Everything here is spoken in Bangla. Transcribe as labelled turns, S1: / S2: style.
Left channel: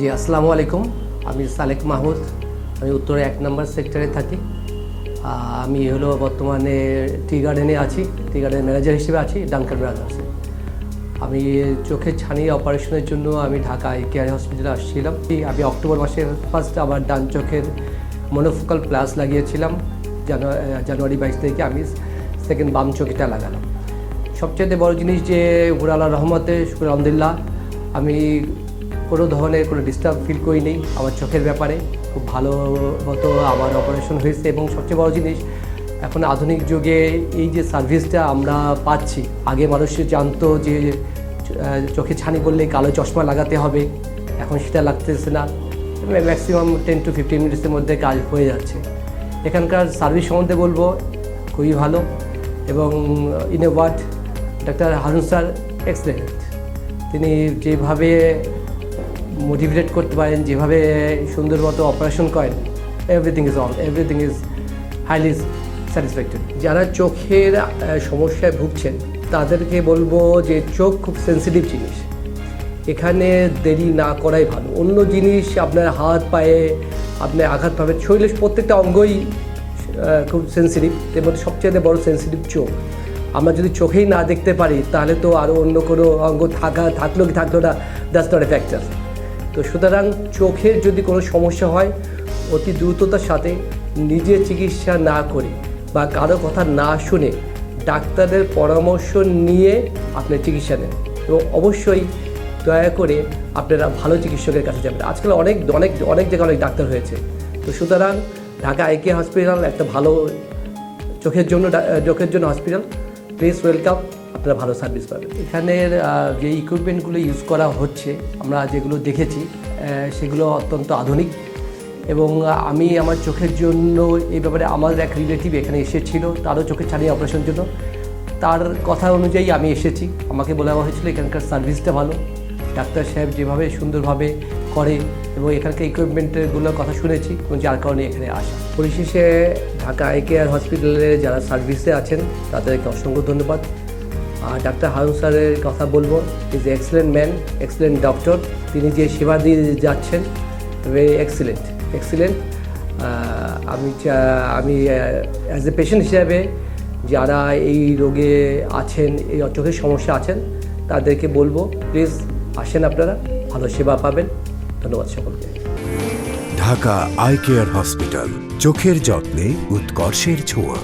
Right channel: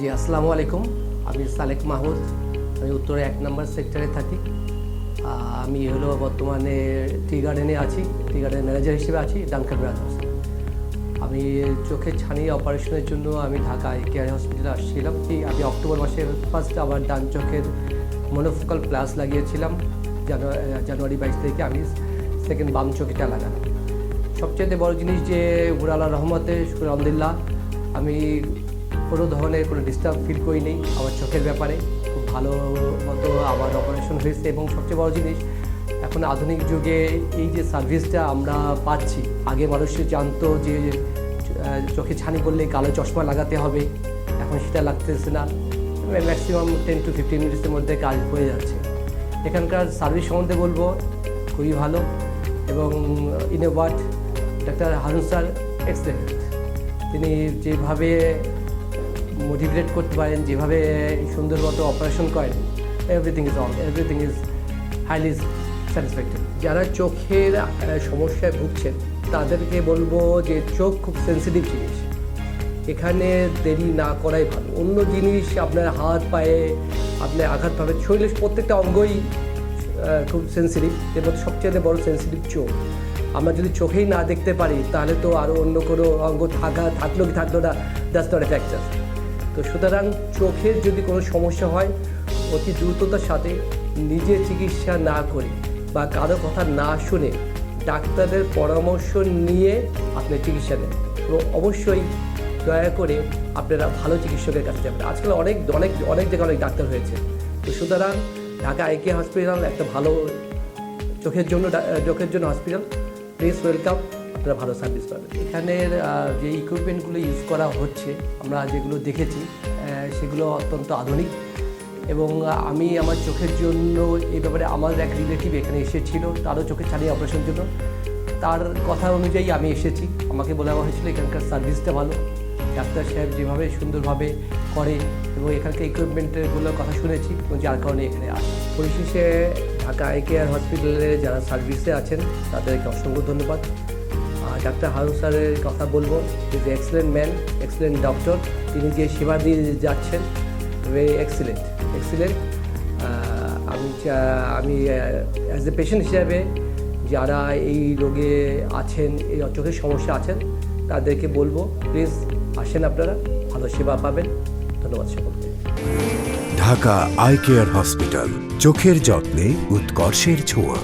S1: জি, আসসালামু আলাইকুম। আমি সালেক মাহমুদ। আমি উত্তরে এক নম্বর সেক্টরে থাকি। আমি হলো বর্তমানে টি গার্ডেনে আছি। টি গার্ডেন ম্যানেজার হিসেবে আছি ডানকান ব্রাদার্স আমি চোখের ছানি অপারেশনের জন্য আমি ঢাকা আই কেয়ার হসপিটালে আসছিলাম। এই আমি অক্টোবর মাসের ফার্স্ট আমার ডান চোখের মনোফোকাল প্লাস লাগিয়েছিলাম। জানুয়ারি বাইশ তারিখে আমি সেকেন্ড বাম চোখটা লাগালাম। সবচেয়ে বড় জিনিস যে উপরালা রহমতে আলহামদুলিল্লাহ, আমি কোনো ধরনের কোনো ডিস্টার্ব ফিল করিনি আমার চোখের ব্যাপারে। খুব ভালো মতো আমার অপারেশন হয়েছে এবং সবচেয়ে বড় জিনিস, এখন আধুনিক যুগে এই যে সার্ভিসটা আমরা পাচ্ছি, আগে মানুষ জানতো যে চোখে ছানি করলে কালো চশমা লাগাতে হবে, এখন সেটা লাগতেছে না। ম্যাক্সিমাম টেন টু ফিফটিন মিনিটসের মধ্যে কাজ হয়ে যাচ্ছে। এখানকার সার্ভিস সম্বন্ধে বলব, খুবই ভালো এবং in a word doctor Harun sir excellent তিনি যেভাবে মোটিভেট করতে পারেন, যেভাবে সুন্দর মতো অপারেশন করেন everything is all everything is highly satisfactory যারা চোখের সমস্যায় ভুগছেন, তাদেরকে বলব যে চোখ খুব সেন্সিটিভ জিনিস। এখানে দেরি না করাই ভালো। অন্য জিনিস আপনার হাত, পায়ে আপনি আঘাত পাবেন শরীরের প্রত্যেকটা অঙ্গই খুব সেন্সিটিভ এবং সবচেয়ে বড় সেন্সিটিভ চোখ। আমরা যদি চোখেই না দেখতে পারি, তাহলে তো আরও অন্য কোনো অঙ্গ থাকা থাকলেও কি থাকতো না জাস্ট নট তো সুতরাং চোখের যদি কোনো সমস্যা হয়, অতি দ্রুততার সাথে নিজের চিকিৎসা না করে বা কারও কথা না শুনে ডাক্তারের পরামর্শ নিয়ে আপনি চিকিৎসা নেন। তো অবশ্যই দয়া করে আপনারা ভালো চিকিৎসকের কাছে যাবেন। আজকাল অনেক অনেক অনেক জায়গায় অনেক ডাক্তার হয়েছে। তো সুতরাং ঢাকা আইকে হসপিটাল একটা ভালো চোখের জন্য চোখের জন্য হসপিটাল। Please welcome. আপনারা ভালো সার্ভিস পাবেন এখানের যে ইকুইপমেন্টগুলো ইউজ করা হচ্ছে, আমরা যেগুলো দেখেছি সেগুলো অত্যন্ত আধুনিক এবং আমি আমার চোখের জন্য এই ব্যাপারে আমার এক রিলেটিভ এখানে এসেছিল, তারও চোখে ছাড়িয়ে অপারেশন জন্য তার কথা অনুযায়ী আমি এসেছি। আমাকে বলে আমার হয়েছিল এখানকার সার্ভিসটা ভালো। ডাক্তার সাহেব যেভাবে সুন্দরভাবে করে এবং এখানকার ইকুইপমেন্টেরগুলোর কথা শুনেছি, এবং যার কারণে এখানে আসি। পরিশেষে ঢাকা আই কেয়ার হসপিটালে যারা সার্ভিসে আছেন, তাদেরকে অসংখ্য ধন্যবাদ। ডাক্তার হারুন স্যারের কথা বলব is excellent man excellent doctor তিনি যে সেবা দিয়ে যাচ্ছেন ভেরি এক্সেলেন্ট এক্সেলেন্ট আমি আমি অ্যাজ এ পেশেন্ট হিসাবে যারা এই রোগে আছেন, এই চোখের সমস্যা আছেন, তাদেরকে বলব প্লিজ আসেন আপনারা, ভালো সেবা পাবেন। ধন্যবাদ
S2: ঢাকা আই কেয়ার হসপিটাল, চোখের যত্নে উৎকর্ষের ছোঁয়া।